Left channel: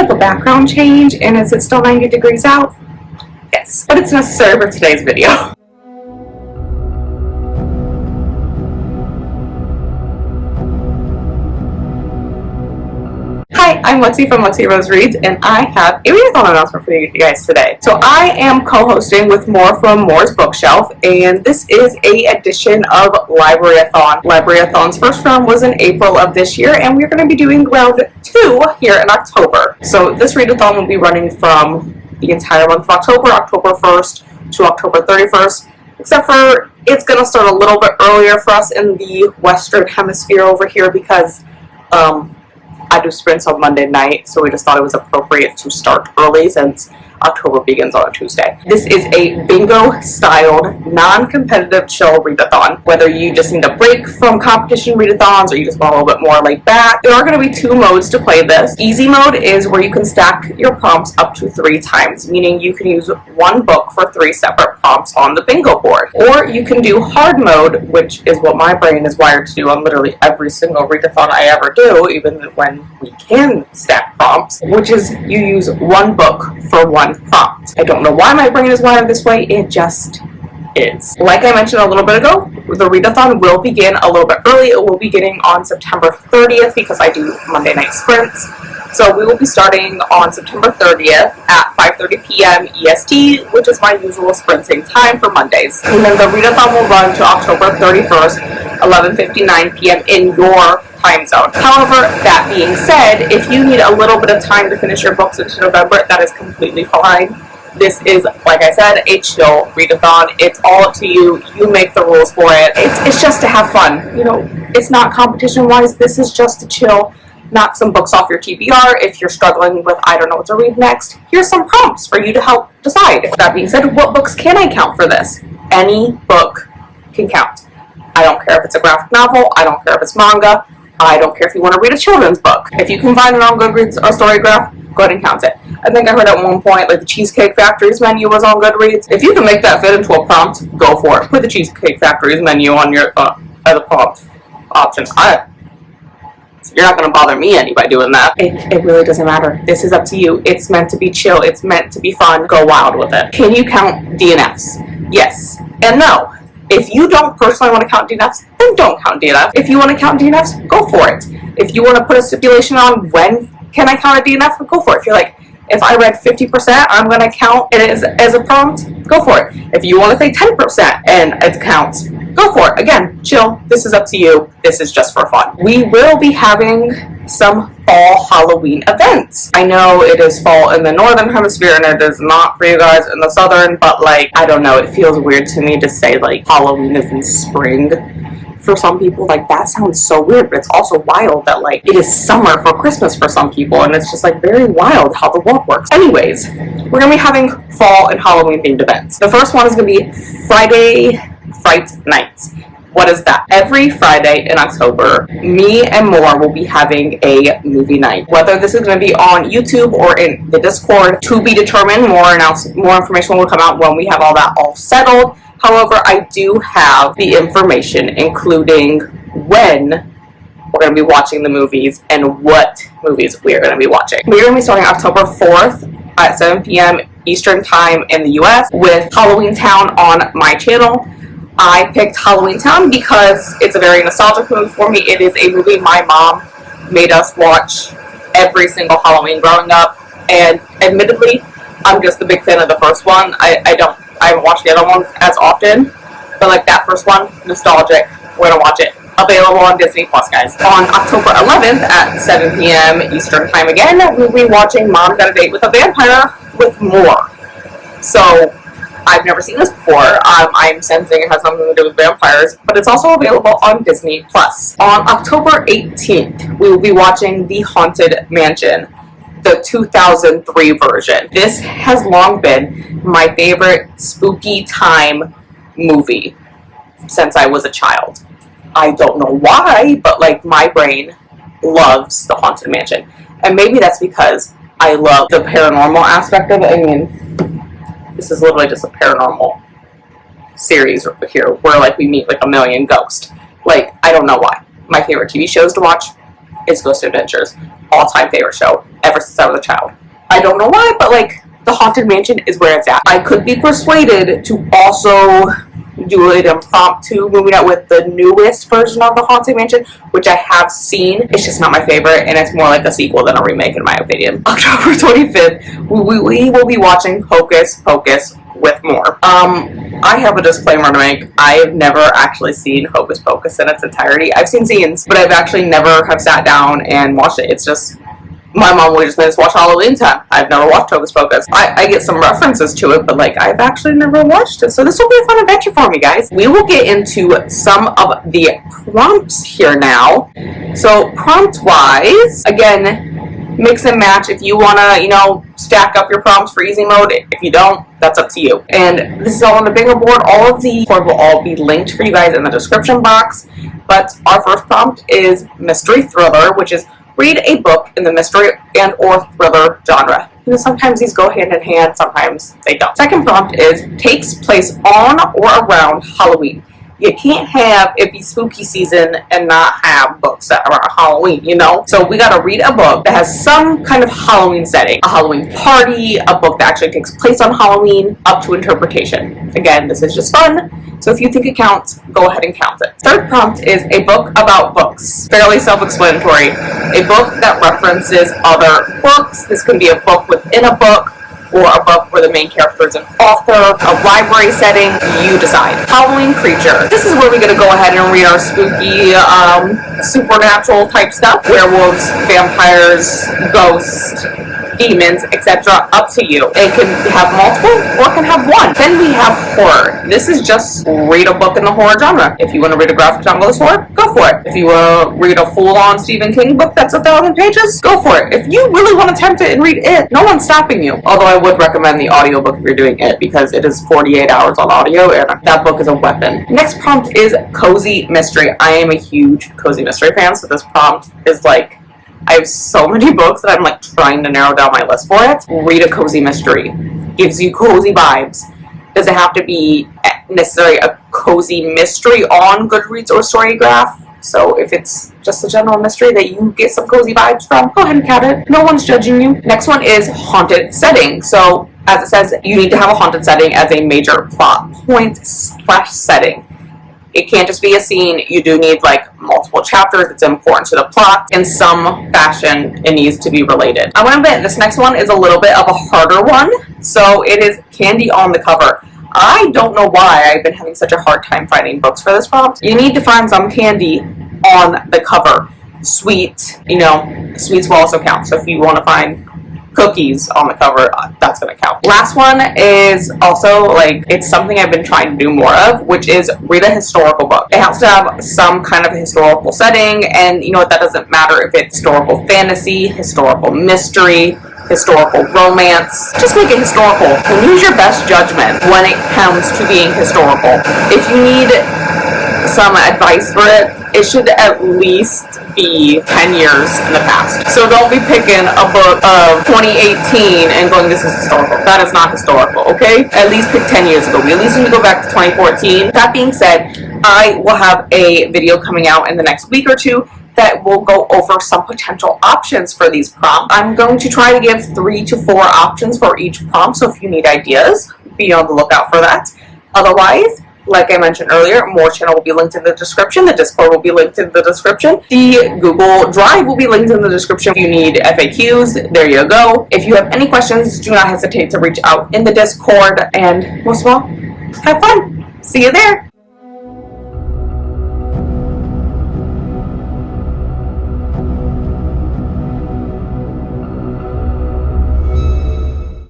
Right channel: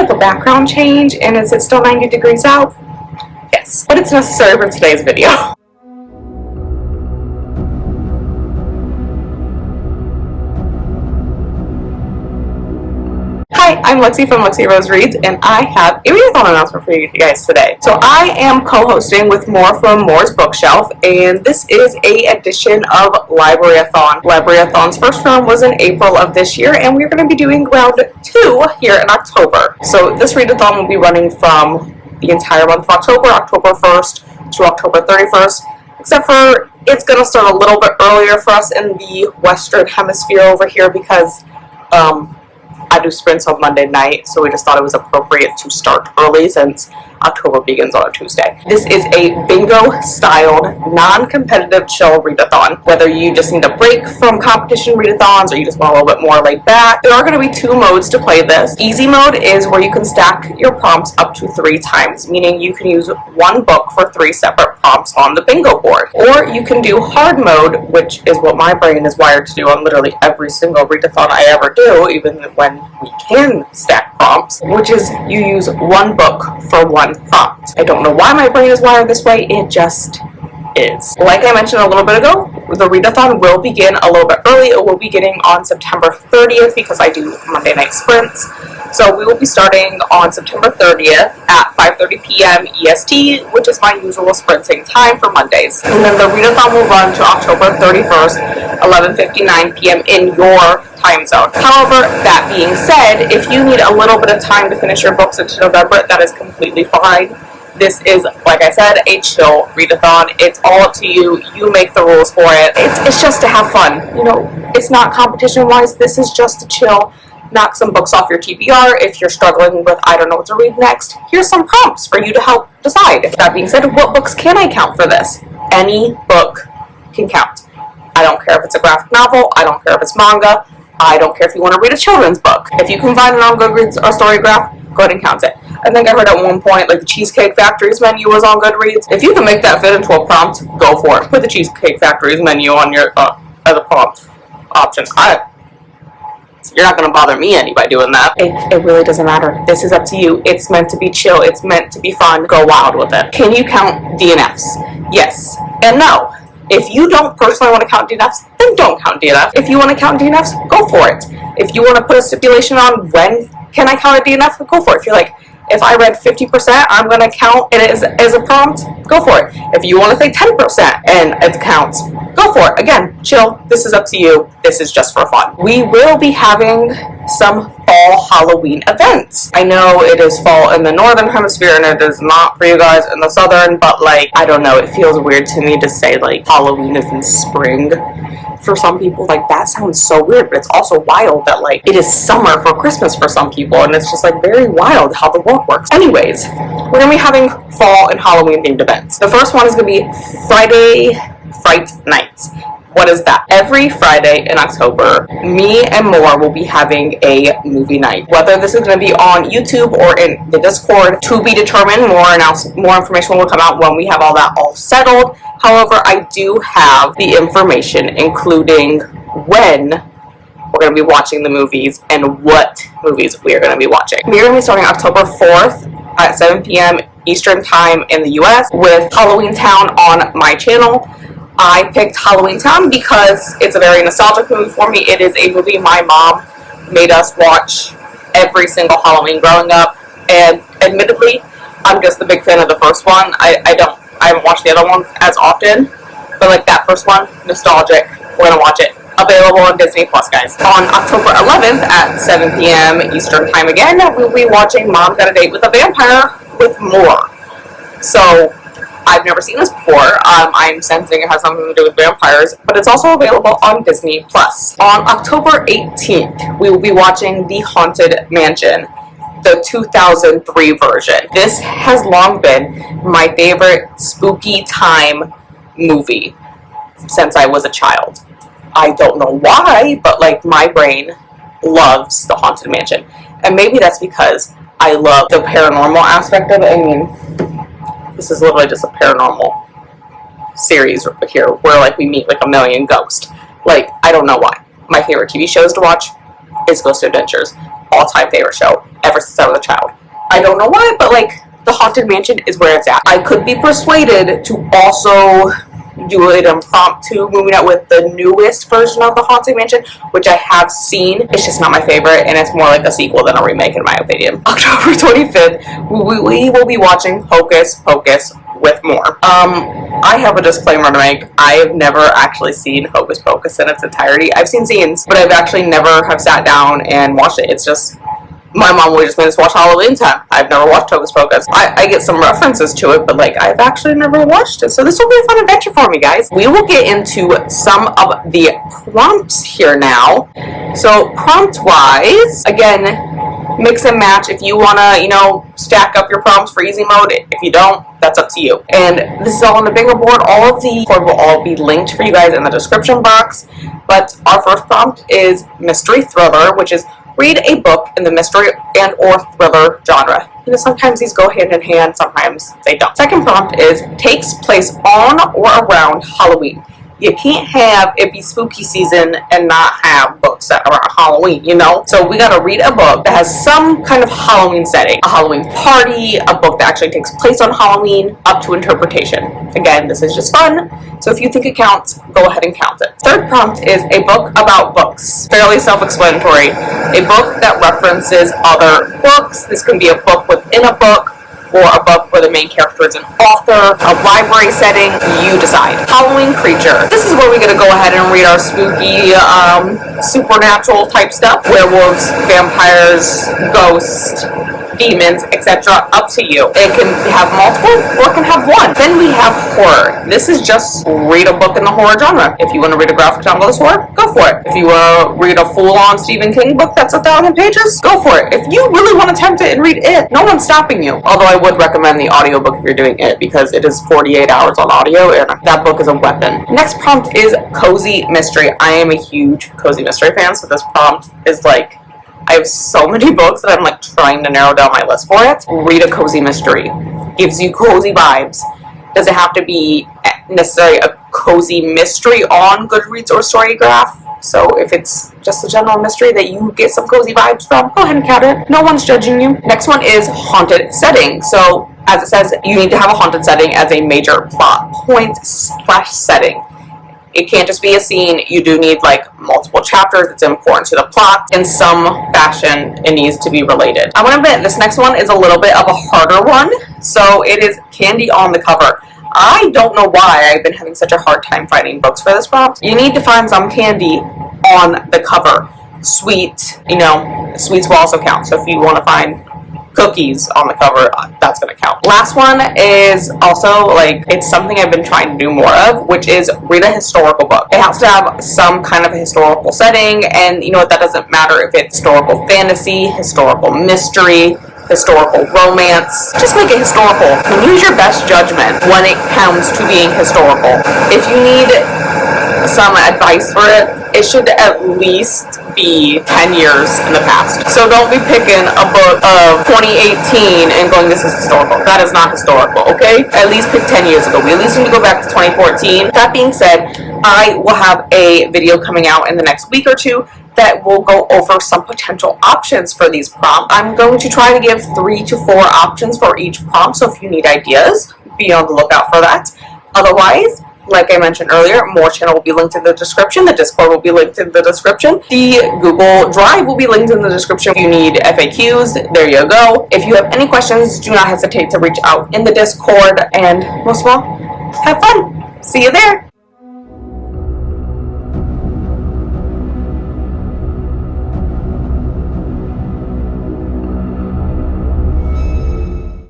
bit of a background change, and is it still 90 degrees out? Yes, but it's necessary for today's video. Hi, I'm Lexi from Lexi Rose Reads, and I have a readathon announcement for you guys today. So I am co-hosting with More from Moore's Bookshelf, and this is a edition of Libraryathon. Libraryathon's first round was in April of this year, and we're going to be doing round 2 here in October. So this readathon will be running from the entire month of October, October 1st to October 31st, except for it's going to start a little bit earlier for us in the Western Hemisphere over here because I do sprints on Monday night, so we just thought it was appropriate to start early since October begins on a Tuesday. This is a bingo-styled, non-competitive chill readathon. Whether you just need a break from competition readathons or you just want a little bit more laid back, there are going to be 2 modes to play this. Easy mode is where you can stack your prompts up to 3 times, meaning you can use one book for 3 separate prompts on the bingo board. Or you can do hard mode, which is what my brain is wired to do on literally every single readathon I ever do, even when we can stack prompts, which is you use one book for one prompt. I don't know why my brain is wired this way, it just is. Like I mentioned a little bit ago, the readathon will begin a little bit early. It will be beginning on September 30th because I do Monday night sprints. So we will be starting on September 30th at 5:30 p.m. EST, which is my usual sprinting time for Mondays. And then the readathon will run to October 31st, 11:59 p.m. in your time zone. However, that being said, if you need a little bit of time to finish your books into November, that is completely fine. This is, like I said, a chill readathon. It's all up to you. You make the rules for it. It's just to have fun. You know, it's not competition-wise. This is just to chill. Knock some books off your TBR. If you're struggling with, I don't know what to read next, here's some prompts for you to help decide. That being said, what books can I count for this? Any book can count. I don't care if it's a graphic novel. I don't care if it's manga. I don't care if you want to read a children's book. If you can find it on Goodreads or Storygraph, go ahead and count it. I think I heard at one point, like, the Cheesecake Factory's menu was on Goodreads. If you can make that fit into a prompt, go for it. Put the Cheesecake Factory's menu on your as a prompt option. You're not going to bother me any by doing that. It really doesn't matter. This is up to you. It's meant to be chill. It's meant to be fun. Go wild with it. Can you count DNFs? Yes and no. If you don't personally want to count DNFs, then don't count DNFs. If you want to count DNFs, go for it. If you want to put a stipulation on when can I count a DNF, go for it. If you're like, if I read 50%, I'm going to count it as a prompt, go for it. If you want to say 10% and it counts, go for it. Again, chill. This is up to you. This is just for fun. We will be having some fall Halloween events. I know it is fall in the northern hemisphere and it is not for you guys in the southern, but like, I don't know, it feels weird to me to say like Halloween is in spring. For some people, like, that sounds so weird, but it's also wild that like it is summer for Christmas for some people, and it's just like very wild how the world works. Anyways, we're gonna be having fall and Halloween themed events. The first one is gonna be Friday Fright Nights. What is that? Every Friday in October, me and More will be having a movie night. Whether this is going to be on YouTube or in the Discord, to be determined. More information will come out when we have all that all settled. However, I do have the information, including when we're going to be watching the movies and what movies we are going to be watching. We're going to be starting October 4th at 7 p.m. Eastern Time in the US with Halloween Town on my channel. I picked Halloween Town because it's a very nostalgic movie for me. It is a movie my mom made us watch every single Halloween growing up, and admittedly, I'm just a big fan of the first one. I haven't watched the other ones as often, but like that first one, nostalgic. We're gonna watch it. Available on Disney Plus, guys. On October 11th at 7 p.m. Eastern Time again, we'll be watching Mom Got a Date with a Vampire with More. So, I've never seen this before. I'm sensing it has something to do with vampires, but it's also available on Disney Plus. On October 18th, we will be watching The Haunted Mansion, the 2003 version. This has long been my favorite spooky time movie since I was a child. I don't know why, but like my brain loves The Haunted Mansion. And maybe that's because I love the paranormal aspect of it. I mean, this is literally just a paranormal series here where like we meet like a million ghosts. Like, I don't know why. My favorite TV shows to watch is Ghost Adventures. all-time favorite show ever since I was a child. I don't know why, but like the Haunted Mansion is where it's at. I could be persuaded to also do an impromptu moving out with the newest version of the Haunted Mansion, which I have seen. It's just not my favorite, and it's more like a sequel than a remake in my opinion. October 25th, we will be watching Hocus Pocus with more. I have a disclaimer to make. I have never actually seen Hocus Pocus in its entirety. I've seen scenes, but I've actually never have sat down and watched it. It's just, my mom would just made us watch Halloween Town. I've never watched Hocus Pocus. I get some references to it, but like I've actually never watched it. So this will be a fun adventure for me, guys. We will get into some of the prompts here now. So prompt-wise, again, mix and match. If you want to, stack up your prompts for easy mode. If you don't, that's up to you. And this is all on the bingo board. All of the board will all be linked for you guys in the description box. But our first prompt is mystery thriller, which is read a book in the mystery and or thriller genre. Sometimes these go hand in hand, sometimes they don't. Second prompt is takes place on or around Halloween. You can't have it be spooky season and not have books that are around Halloween, So we gotta read a book that has some kind of Halloween setting. A Halloween party, a book that actually takes place on Halloween, up to interpretation. Again, this is just fun, so if you think it counts, go ahead and count it. Third prompt is a book about books. Fairly self-explanatory. A book that references other books. This can be a book within a book, or a book where the main character is an author, a library setting, you decide. Halloween creature. This is where we gotta go ahead and read our spooky, supernatural type stuff. Werewolves, vampires, ghosts, demons, etc. Up to you. It can have multiple or it can have one. Then we have horror. This is just read a book in the horror genre. If you want to read a graphic novel that's horror, go for it. If you want to read a full-on Stephen King book that's 1,000 pages, go for it. If you really want to attempt it and read it, no one's stopping you. Although I would recommend the audiobook if you're doing it, because it is 48 hours on audio and that book is a weapon. Next prompt is cozy mystery. I am a huge cozy mystery fan, so this prompt is like, I have so many books that I'm like trying to narrow down my list for it. Read a cozy mystery. Gives you cozy vibes. Does it have to be necessarily a cozy mystery on Goodreads or Storygraph? So if it's just a general mystery that you get some cozy vibes from, go ahead and count it. No one's judging you. Next one is haunted setting. So as it says, you need to have a haunted setting as a major plot point / setting. It can't just be a scene. You do need like multiple chapters. It's important to the plot. In some fashion, it needs to be related. I want to admit this next one is a little bit of a harder one. So it is candy on the cover. I don't know why I've been having such a hard time finding books for this prompt. You need to find some candy on the cover. Sweet, sweets will also count. So if you want to find cookies on the cover, that's going to count. Last one is also like, it's something I've been trying to do more of, which is read a historical book. It has to have some kind of historical setting, and that doesn't matter if it's historical fantasy, historical mystery, historical romance. Just make it historical and use your best judgment when it comes to being historical. If you need some advice for it, it should at least be 10 years in the past. So don't be picking a book of 2018 and going, this is historical. That is not historical, okay? At least pick 10 years ago. We at least need to go back to 2014. That being said, I will have a video coming out in the next week or two that will go over some potential options for these prompts. I'm going to try to give 3 to 4 options for each prompt, so if you need ideas, be on the lookout for that. Otherwise, like I mentioned earlier, more channel will be linked in the description. The Discord will be linked in the description. The Google Drive will be linked in the description. If you need FAQs, there you go. If you have any questions, do not hesitate to reach out in the Discord. And most of all, have fun. See you there.